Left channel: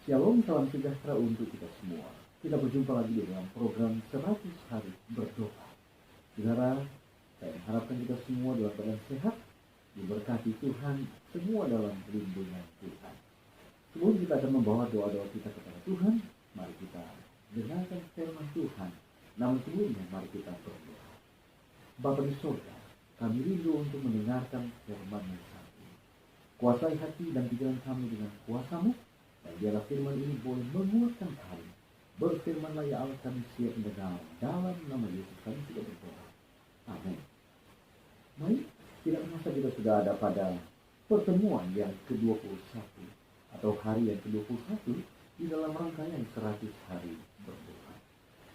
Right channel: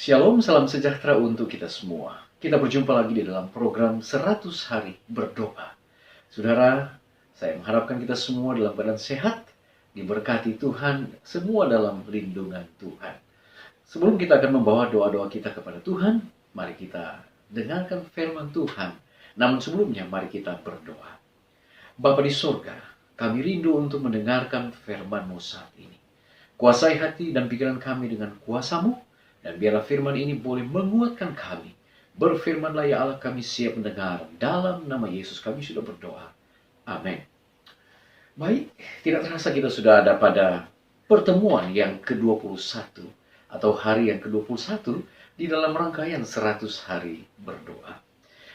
Shalom, salam sejahtera untuk kita semua. Kita berjumpa lagi di dalam program 100 hari berdoa. Saudara, saya mengharapkan kita semua dalam keadaan sehat, diberkati Tuhan, semua dalam lindungan Tuhan. Sebelum kita akan membawa doa-doa kita kepada Tuhan, mari kita dengarkan firman Tuhan. Namun sebelumnya, mari kita berdoa. Bapa di surga, kami rindu untuk mendengarkan firman-Mu saat ini. Kuasai hati dan pikiran kami dengan kuasa-Mu, dan biarlah firman ini boleh menguatkan kami. Berfirmanlah ya Allah, kami siap mendengar. Dalam nama Yesus kami sudah berdoa. Amin. Baik, tidak terasa kita sudah ada pada pertemuan yang ke-21 atau hari yang ke-21 di dalam rangkaian 100 hari berdoa.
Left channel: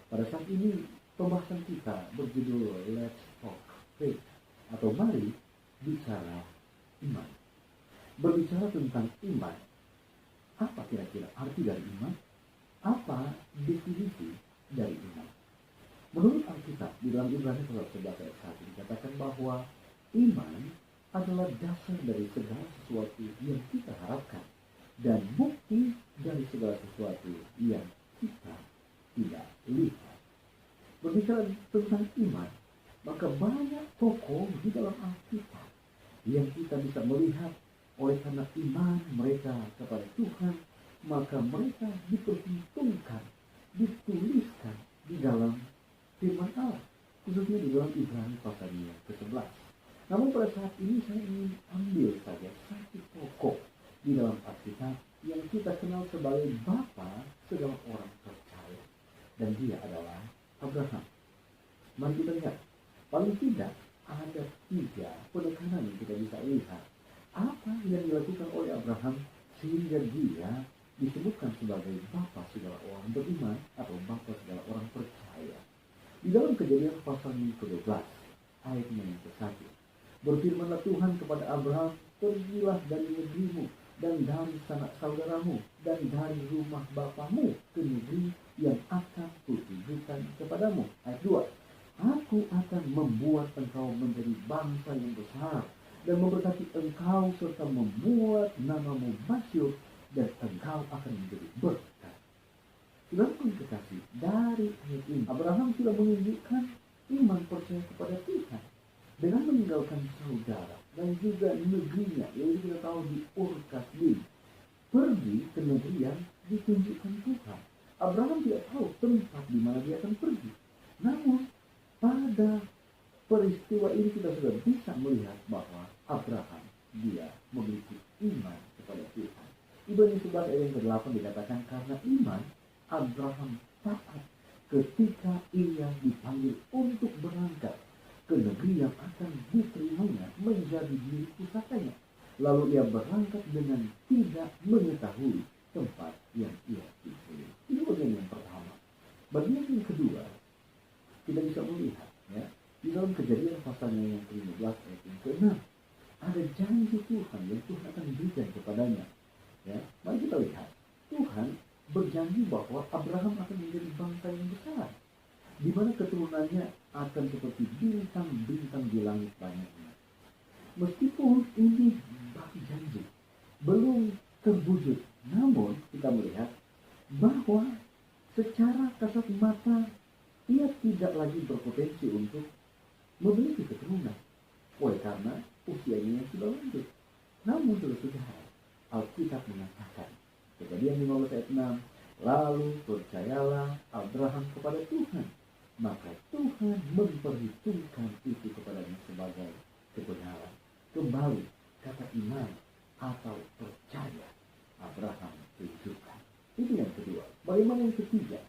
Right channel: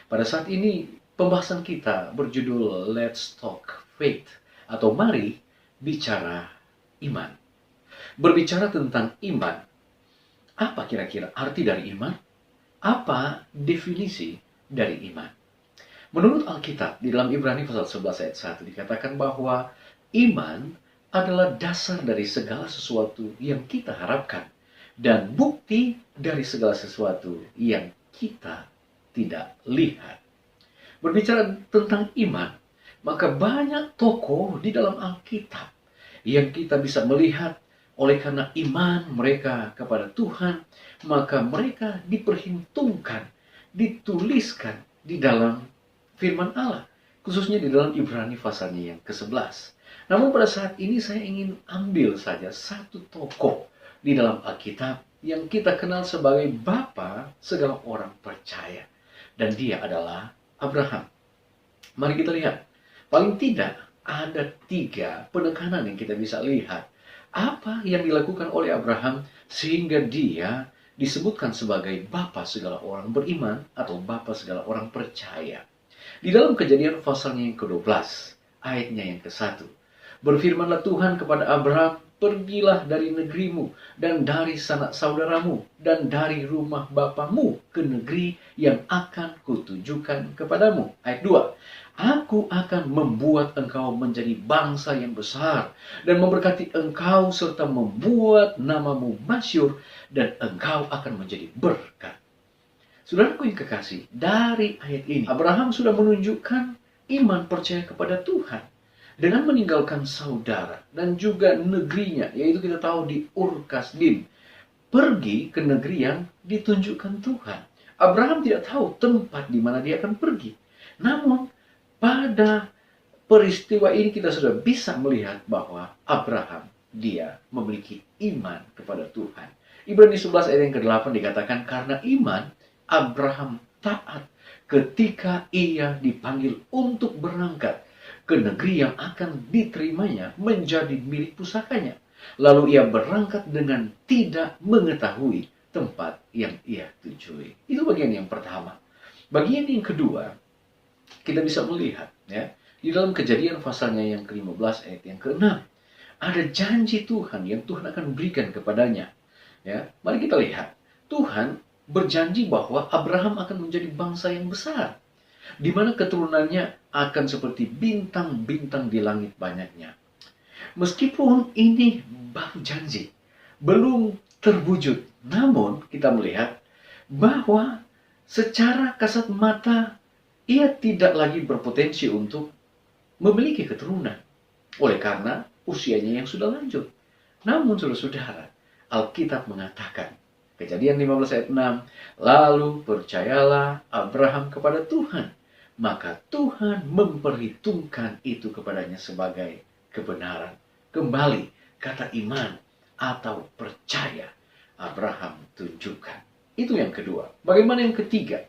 Pada saat ini pembahasan kita berjudul Let's Talk Faith atau Mari Bicara Iman. Berbicara tentang iman, apa kira-kira arti dari iman? Apa definisi dari iman? Menurut Alkitab, di dalam Ibrani pasal 11 ayat 1 dikatakan bahwa iman adalah dasar dari segala sesuatu yang kita harapkan dan bukti dari segala sesuatu yang kita tidak lihat. Berbicara tentang iman, maka banyak tokoh di dalam Alkitab yang kita bisa melihat. Oleh karena iman mereka kepada Tuhan, maka mereka diperhitungkan, dituliskan di dalam firman Allah. Khususnya di dalam Ibrani pasalnya yang ke-11. Namun pada saat ini saya ingin ambil saja satu tokoh di dalam Alkitab yang kita kenal sebagai Bapa segala orang percaya. Dan dia adalah Abraham. Mari kita lihat. Paling tidak ada 3 penekanan yang kita bisa lihat. Apa yang dilakukan oleh Abraham sehingga dia disebutkan sebagai bapa segala orang beriman atau bapa segala orang percaya. Di dalam Kejadian pasalnya yang ke-12, ayatnya yang ke-1. Berfirmanlah Tuhan kepada Abraham, pergilah dari negerimu dan dari sanak saudaramu dan dari rumah bapamu ke negeri yang akan kutujukan kepadamu. Ayat 2. Aku akan membuat engkau menjadi bangsa yang besar dan memberkati engkau serta membuat namamu masyhur dan engkau akan menjadi berkat. Saudaraku yang kekasih, dari ayat ini Abraham sudah menunjukkan iman percaya kepada Tuhan dengan meninggalkan saudara dan juga negerinya, yaitu kita tahu di Ur Kasdim, pergi ke negeri yang ditunjukkan Tuhan. Abraham tidak tahu tempat di mana dia akan pergi. Namun pada peristiwa ini kita sudah bisa melihat bahwa Abraham dia memiliki iman kepada Tuhan. Ibrani 11 ayat yang ke-8 dikatakan karena iman Abraham taat ketika ia dipanggil untuk berangkat ke negeri yang akan diterimanya menjadi milik pusakanya. Lalu ia berangkat dengan tidak mengetahui tempat yang ia tujui. Itu bagian yang pertama. Bagian yang kedua, kita bisa melihat ya di dalam Kejadian pasalnya yang ke-15 ayat yang ke-6 ada janji Tuhan yang Tuhan akan berikan kepadanya. Ya, mari kita lihat. Tuhan berjanji bahwa Abraham akan menjadi bangsa yang besar, di mana keturunannya akan seperti bintang-bintang di langit banyaknya. Meskipun ini baru janji, belum terwujud, namun kita melihat bahwa secara kasat mata ia tidak lagi berpotensi untuk memiliki keturunan oleh karena usianya yang sudah lanjut. Namun saudara-saudara, Alkitab mengatakan, Kejadian 15 ayat 6, lalu percayalah Abraham kepada Tuhan, maka Tuhan memperhitungkan itu kepadanya sebagai kebenaran. Kembali kata iman atau percaya Abraham tunjukkan. Itu yang kedua. Bagaimana yang ketiga?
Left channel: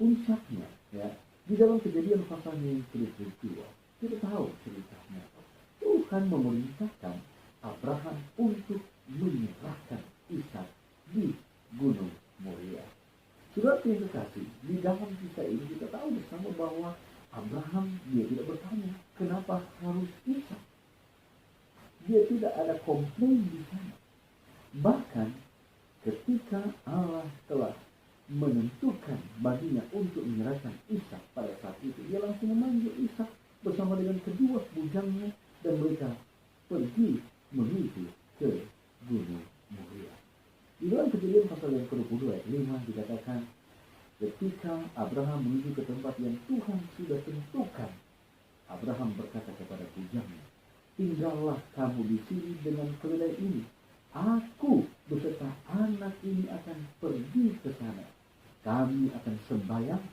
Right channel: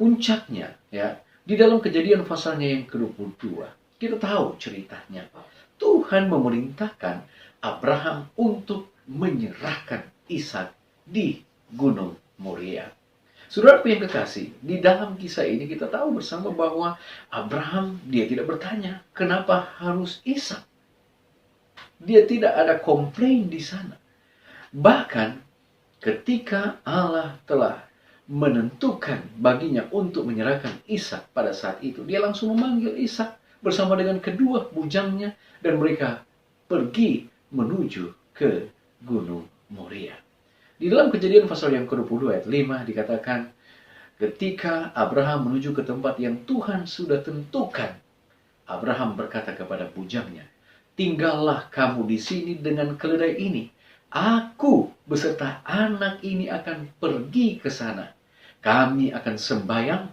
Puncaknya ya, di dalam Kejadian pasalnya yang ke-22, kita tahu ceritanya. Tuhan memerintahkan Abraham untuk menyerahkan Ishak di Gunung Moria. Saudaraku yang kekasih, di dalam kisah ini kita tahu bersama bahwa Abraham dia tidak bertanya kenapa harus Ishak. Dia tidak ada komplain di sana. Bahkan ketika Allah telah menentukan baginya untuk menyerahkan Ishak pada saat itu, dia langsung memanggil Ishak bersama dengan kedua bujangnya dan mereka pergi menuju ke Gunung Moria. Di dalam Kejadian pasal yang ke-22 ayat 5 dikatakan, ketika Abraham menuju ke tempat yang Tuhan sudah tentukan, Abraham berkata kepada bujangnya, tinggallah kamu di sini dengan keledai ini. Aku beserta anak ini akan pergi ke sana. Kami akan sembahyang.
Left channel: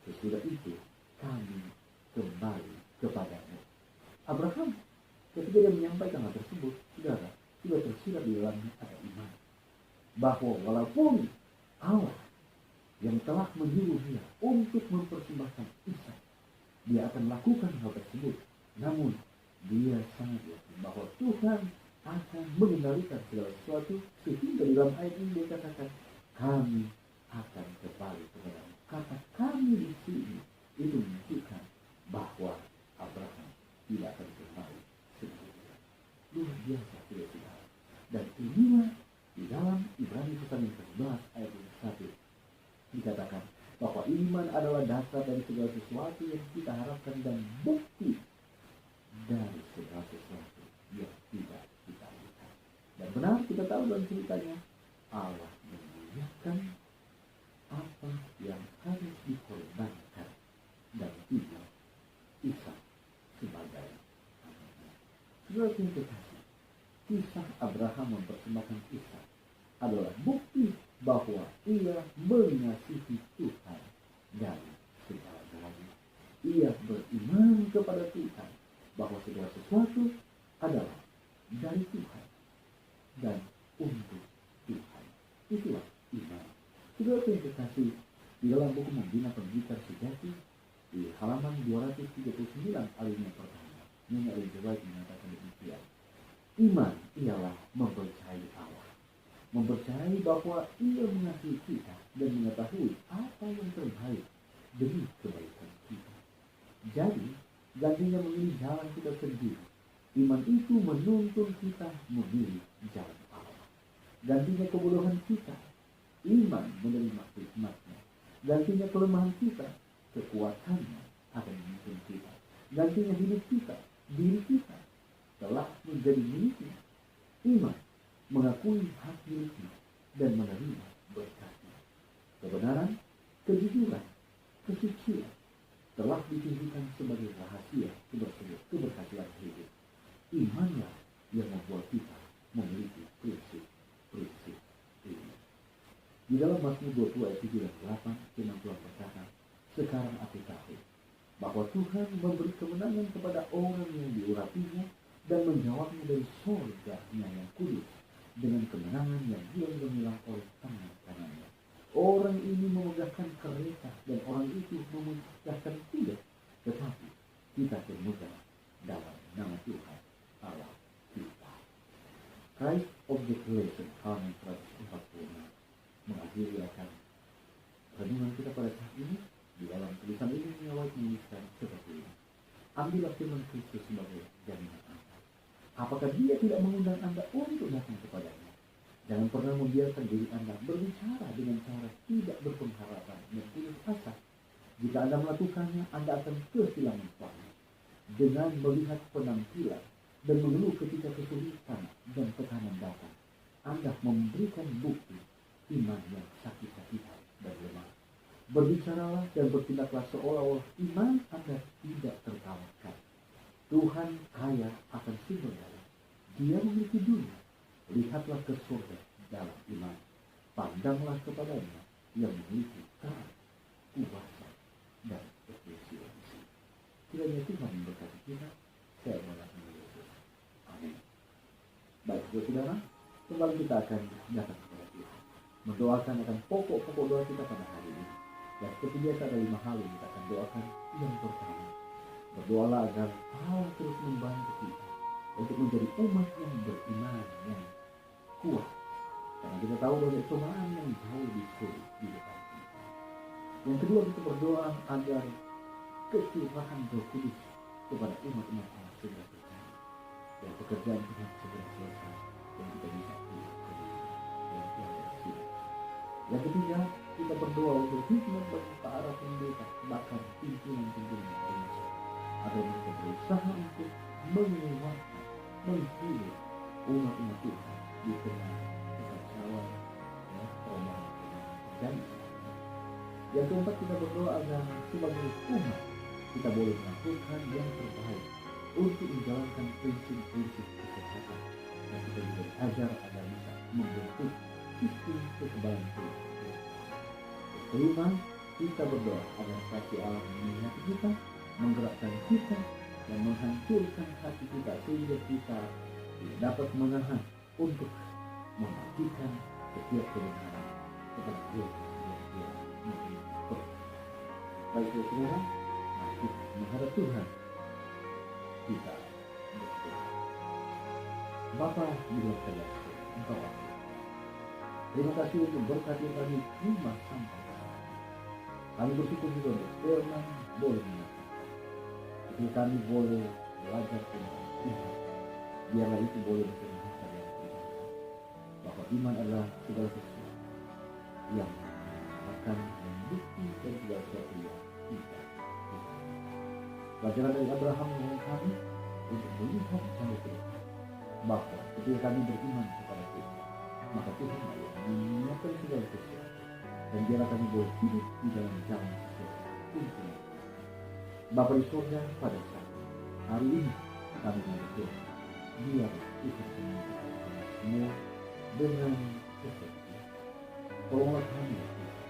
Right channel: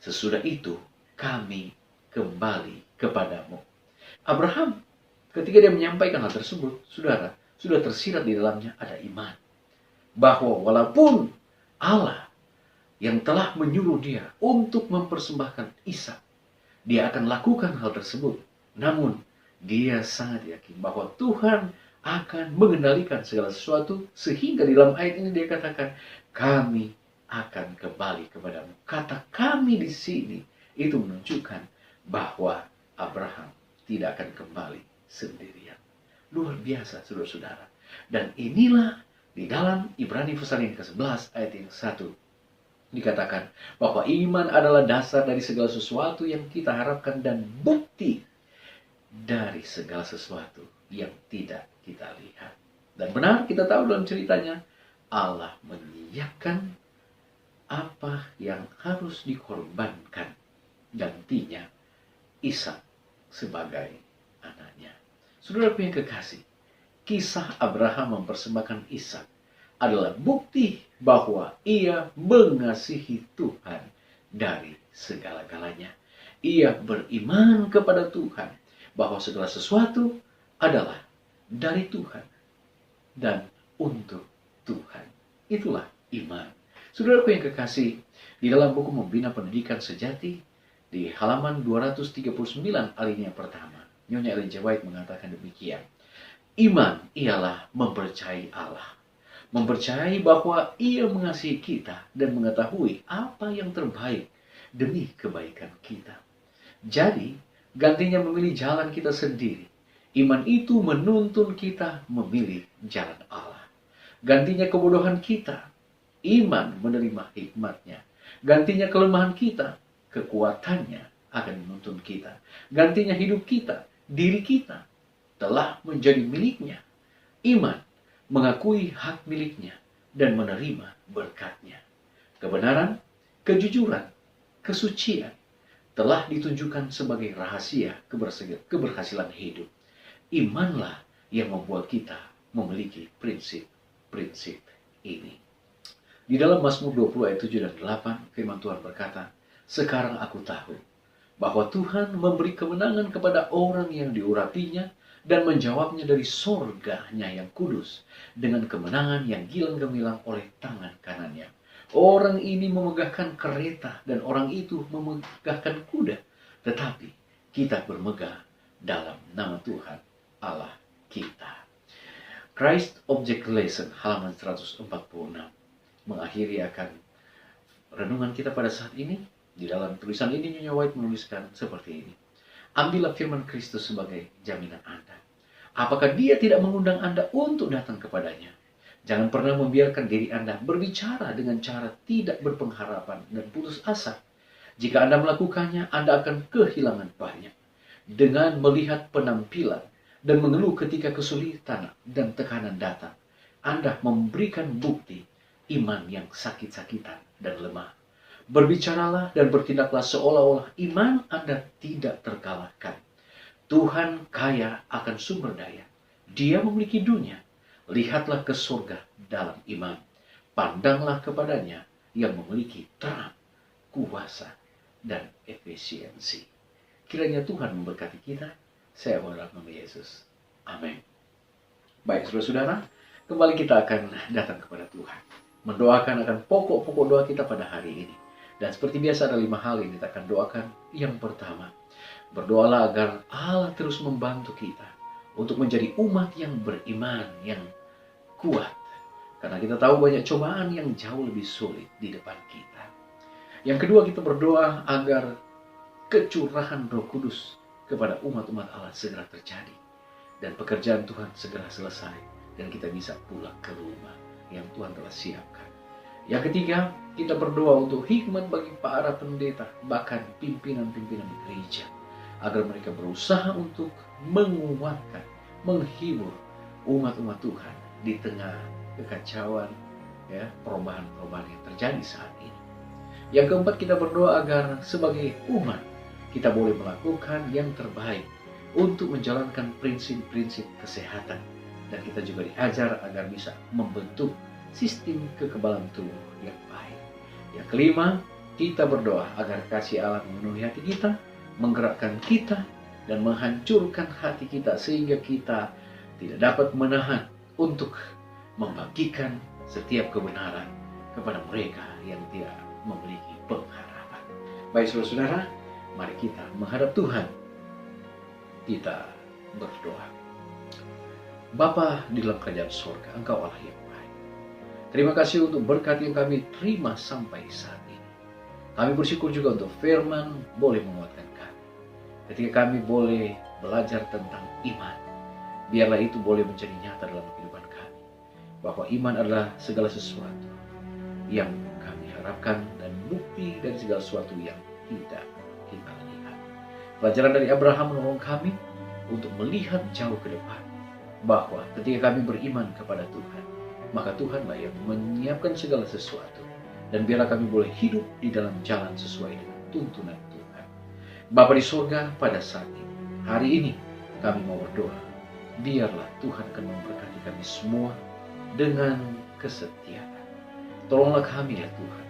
Sesudah itu kami kembali kepadamu. Abraham ketika dia menyampaikan hal tersebut, saudara, sudah tersirat di dalamnya ada iman. Bahwa walaupun Allah yang telah menyuruh dia untuk mempersembahkan Ishak, dia akan lakukan hal tersebut. Namun dia sangat yakin bahwa Tuhan akan mengendalikan segala sesuatu, sehingga di dalam ayat ini dia katakan, kami akan kembali kepadamu. Kata kami di sini itu menunjukkan bahwa Abraham tidak akan kembali sendirian. Luar biasa, saudara-saudara. Dan inilah di dalam Ibrani pasal yang ke-11 ayat yang 1 dikatakan bahwa iman adalah dasar dari segala sesuatu yang kita harapkan dan bukti dari segala sesuatu yang tidak kita lihat. Dan benar kita tahu dalam ceritanya, Allah menyiapkan apa yang harus dikorbankan, gantinya Ishak sebagai anaknya. Saudaraku yang kekasih, kisah Abraham mempersembahkan Ishak adalah bukti bahwa ia mengasihi Tuhan dari segala-galanya. Ia beriman kepada Tuhan bahwa segala sesuatu adalah dari Tuhan dan untuk Tuhan. Itulah iman. Saudaraku yang kekasih, di dalam buku Membina Pendidikan Sejati, di halaman 239 alinea pertama, Nyonya Ellen G. White mengatakan demikian. Iman ialah mempercayai Allah. Mempercayai bahwa ia mengasihi kita dan mengetahui apa yang terbaik demi kebaikan kita. Jadi, gantinya memilih jalan kita sendiri, iman itu menuntun kita memilih jalan Allah. Gantinya kebodohan kita, iman menerima hikmatnya. Gantinya kelemahan kita, kekuatannya akan menuntun kita. Gantinya hidup kita, diri kita telah menjadi miliknya. Iman mengakui hak miliknya dan menerima berkatnya. Kebenaran, kejujuran, kesucian telah ditunjukkan sebagai rahasia keberhasilan hidup. Imanlah yang membuat kita memiliki prinsip-prinsip ini. Di dalam Mazmur 20 ayat 7 dan 8, firman Tuhan berkata, sekarang aku tahu bahwa Tuhan memberi kemenangan kepada orang yang diurapinya dan menjawabnya dari sorganya yang kudus dengan kemenangan yang gilang gemilang oleh tangan kanannya. Orang ini memegahkan kereta dan orang itu memegahkan kuda, tetapi kita bermegah dalam nama Tuhan Allah kita. Christ Object Lesson halaman 146 mengakhiri akan renungan kita pada saat ini. Di dalam tulisan ini Nyonya White menuliskan seperti ini. Ambillah firman Kristus sebagai jaminan Anda. Apakah dia tidak mengundang Anda untuk datang kepadanya? Jangan pernah membiarkan diri Anda berbicara dengan cara tidak berpengharapan dan putus asa. Jika Anda melakukannya, Anda akan kehilangan banyak. Dengan melihat penampilan dan mengeluh ketika kesulitan dan tekanan datang, Anda memberikan bukti iman yang sakit-sakitan dan lemah. Berbicaralah dan bertindaklah seolah-olah iman Anda tidak terkalahkan. Tuhan kaya akan sumber daya. Dia memiliki dunia. Lihatlah ke surga dalam iman. Pandanglah kepadanya yang memiliki terang, kuasa, dan efisiensi. Kiranya Tuhan memberkati kita. Saya berdoa nama Yesus. Amin. Baik, saudara-saudara, kembali kita akan datang kepada Tuhan. Mendoakan akan pokok-pokok doa kita pada hari ini. Dan seperti biasa ada 5 hal yang kita akan doakan. Yang pertama, berdoalah agar Allah terus membantu kita untuk menjadi umat yang beriman, yang kuat. Karena kita tahu banyak cobaan yang jauh lebih sulit di depan kita. Yang kedua, kita berdoa agar kecurahan Roh Kudus kepada umat-umat Allah segera terjadi. Dan pekerjaan Tuhan segera selesai. Dan kita bisa pulang ke rumah yang Tuhan telah siapkan. Yang ketiga, kita berdoa untuk hikmat bagi para pendeta, bahkan pimpinan-pimpinan gereja, agar mereka berusaha untuk menguatkan, menghibur umat-umat Tuhan di tengah kekacauan, ya perubahan-perubahan yang terjadi saat ini. Yang keempat, kita berdoa agar sebagai umat kita boleh melakukan yang terbaik untuk menjalankan prinsip-prinsip kesehatan, dan kita juga diajar agar bisa membentuk sistem kekebalan tubuh yang baik. Yang kelima, kita berdoa agar kasih Allah memenuhi hati kita, menggerakkan kita, dan menghancurkan hati kita sehingga kita tidak dapat menahan untuk membagikan setiap kebenaran kepada mereka yang tidak memiliki pengharapan. Baik saudara-saudara, mari kita menghadap Tuhan. Kita berdoa. Bapa di dalam kerajaan surga, Engkau Allah yang baik. Terima kasih untuk berkat yang kami terima sampai saat ini. Kami bersyukur juga untuk firman boleh menguatkan kami. Ketika kami boleh belajar tentang iman, biarlah itu boleh menjadi nyata dalam kehidupan kami. Bahwa iman adalah segala sesuatu yang kami harapkan dan bukti dari segala sesuatu yang tidak kita lihat. Pelajaran dari Abraham menolong kami untuk melihat jauh ke depan, bahwa ketika kami beriman kepada Tuhan, maka Tuhanlah yang menyiapkan segala sesuatu, dan biarlah kami boleh hidup di dalam jalan sesuai dengan tuntunan Tuhan. Bapa di surga, pada saat ini, hari ini kami mau berdoa, biarlah Tuhan akan memberkati kami semua dengan kesetiaan. Tolonglah kami ya Tuhan,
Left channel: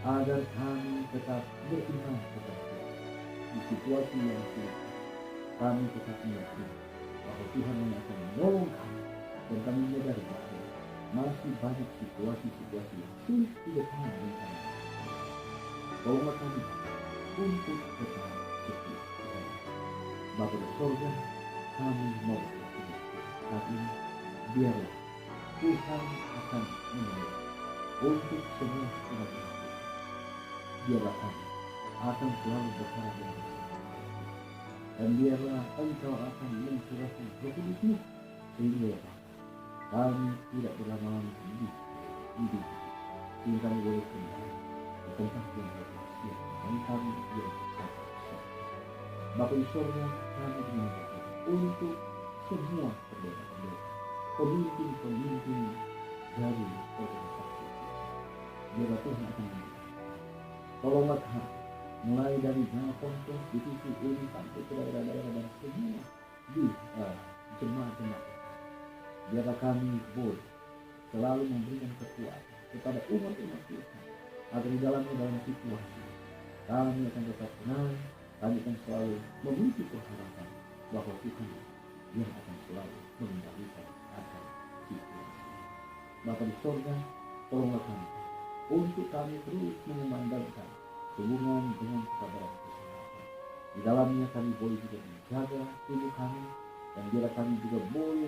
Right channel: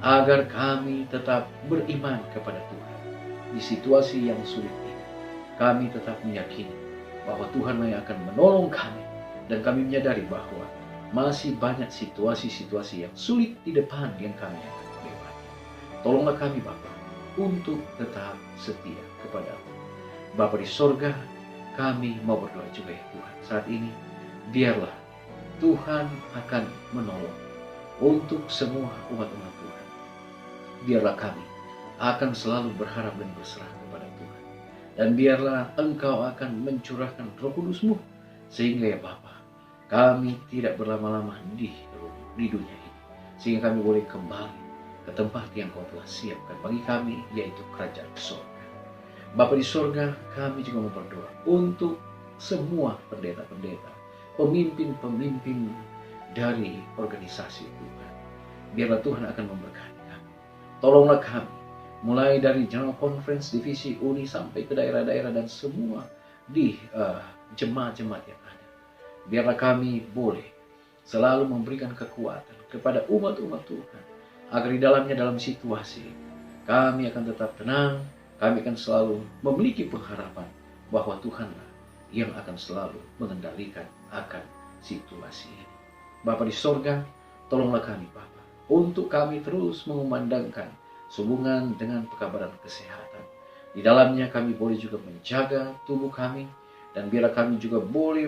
agar kami tetap beriman kepada Tuhan. Di situasi yang sulit ini, kami tetap meyakini bahwa Tuhanlah yang akan menolong kami, dan kami menyadari bahwa masih banyak situasi-situasi yang sulit di depan yang kami akan lewati. Tolonglah kami Bapa untuk tetap setia kepada Bapa di sorga. Kami mau berdoa juga ya Tuhan, saat ini biarlah Tuhan akan menolong untuk semua umat-umat Tuhan. Biarlah kami akan selalu berharap dan berserah kepada Tuhan. Dan biarlah Engkau akan mencurahkan Roh Kudus-Mu, sehingga ya Bapa, kami tidak berlama-lama di dunia ini, sehingga kami boleh kembali ke tempat yang Kau telah siapkan bagi kami, yaitu kerajaan surga. Bapa di surga, kami juga mau berdoa untuk semua pendeta-pendeta, pemimpin-pemimpin dari organisasi Tuhan. Biarlah Tuhan akan memberkati kami. Tolonglah kami, mulai dari General Conference, divisi, uni, sampai ke daerah-daerah dan semua di jemaat-jemaat yang ada. Biarlah kami boleh selalu memberikan kekuatan kepada umat-umat Tuhan, agar di dalamnya, dalam situasi kami akan tetap tenang, kami akan selalu memiliki pengharapan bahwa Tuhanlah yang akan selalu mengendalikan akan situasi ini. Bapa di sorga, tolonglah kami Bapa, untuk kami terus mengumandangkan sehubungan dengan pekabaran kesehatan. Di dalamnya kami boleh juga menjaga tubuh kami, dan biarlah kami juga boleh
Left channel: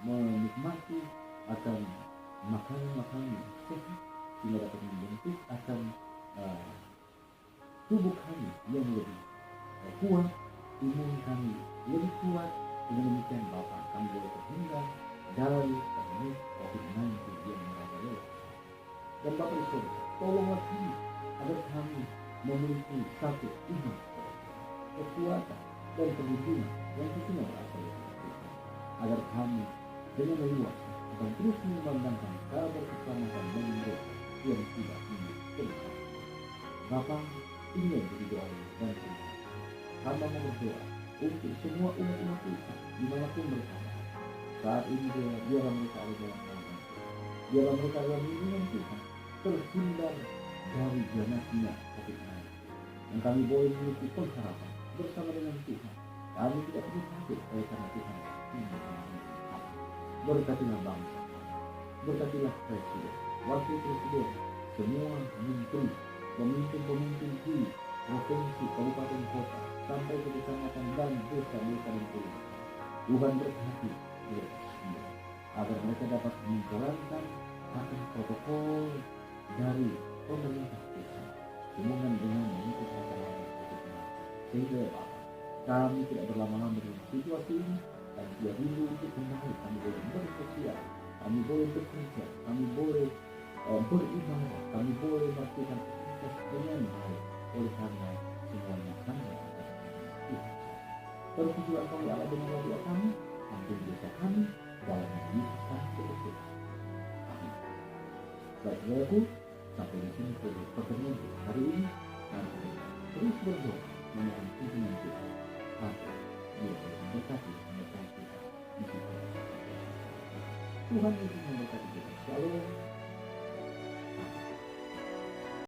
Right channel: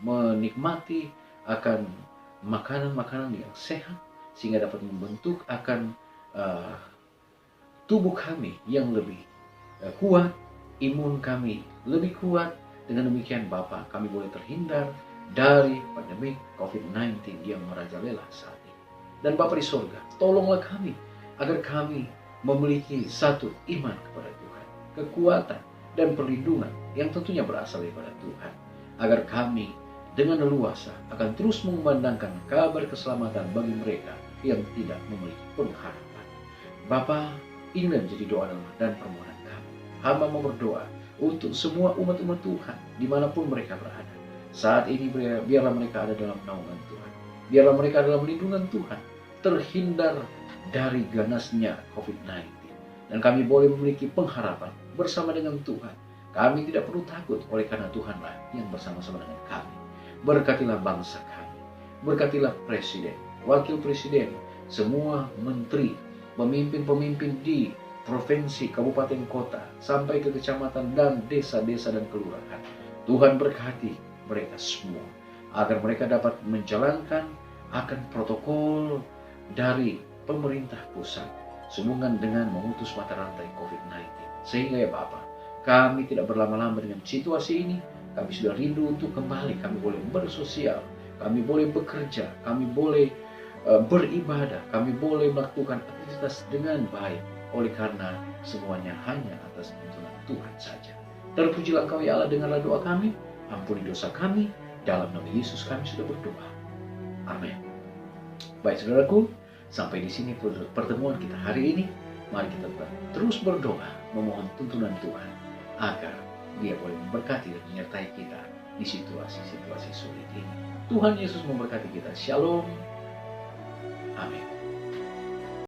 menikmati akan makanan-makanan yang sehat, sehingga dapat membentuk akan tubuh kami yang lebih kuat, imun kami lebih kuat. Dengan demikian Bapa, kami boleh terhindar dari pandemi COVID-19 yang merajalela saat ini. Dan Bapa di surga, tolonglah kami agar kami memiliki satu iman kepada Tuhan, kekuatan dan perlindungan yang tentunya berasal daripada Tuhan, agar kami dengan leluasa akan terus mengumandangkan kabar keselamatan bagi mereka yang tidak memiliki pengharapan. Bapa, inilah menjadi doa dan permohonan kami. Hamba mau berdoa untuk semua umat-umat Tuhan dimanapun mereka berada. Saat ini biarlah mereka ada dalam naungan Tuhan, biarlah mereka dalam lindungan Tuhan, terhindar dari ganasnya COVID-19. Dan kami boleh memiliki pengharapan bersama dengan Tuhan. Kami tidak perlu takut, oleh karena Tuhanlah yang bersama-sama dengan kami. Berkatilah bangsa kami, berkatilah presiden, wakil presiden, semua menteri, pemimpin-pemimpin di provinsi, kabupaten, kota, sampai ke kecamatan dan desa-desa dan kelurahan. Tuhan berkati mereka semua, agar mereka dapat menjalankan akan protokol dari pemerintah pusat sehubungan dengan memutus mata rantai COVID-19. Sehingga ya Bapa, kami tidak berlama-lama dengan situasi ini. Kami sudah rindu untuk kembali, kami boleh bersosial, kami boleh bekerja, kami boleh beribadah, kami boleh melakukan aktivitas dengan baik, oleh karena semuanya hanya atas tuntunan Tuhan saja. Terpujilah Engkau ya Allah, dengarlah doa kami, ampuni dosa kami, dalam nama Yesus kami sudah berdoa. Amin. Baik saudaraku, sampai di sini pertemuan kita hari ini. Mari kita terus berdoa, memohon tuntunan Tuhan agar Dia boleh memberkati dan menyertai kita di situasi-situasi sulit ini. Tuhan Yesus memberkati kita. Shalom. Amin.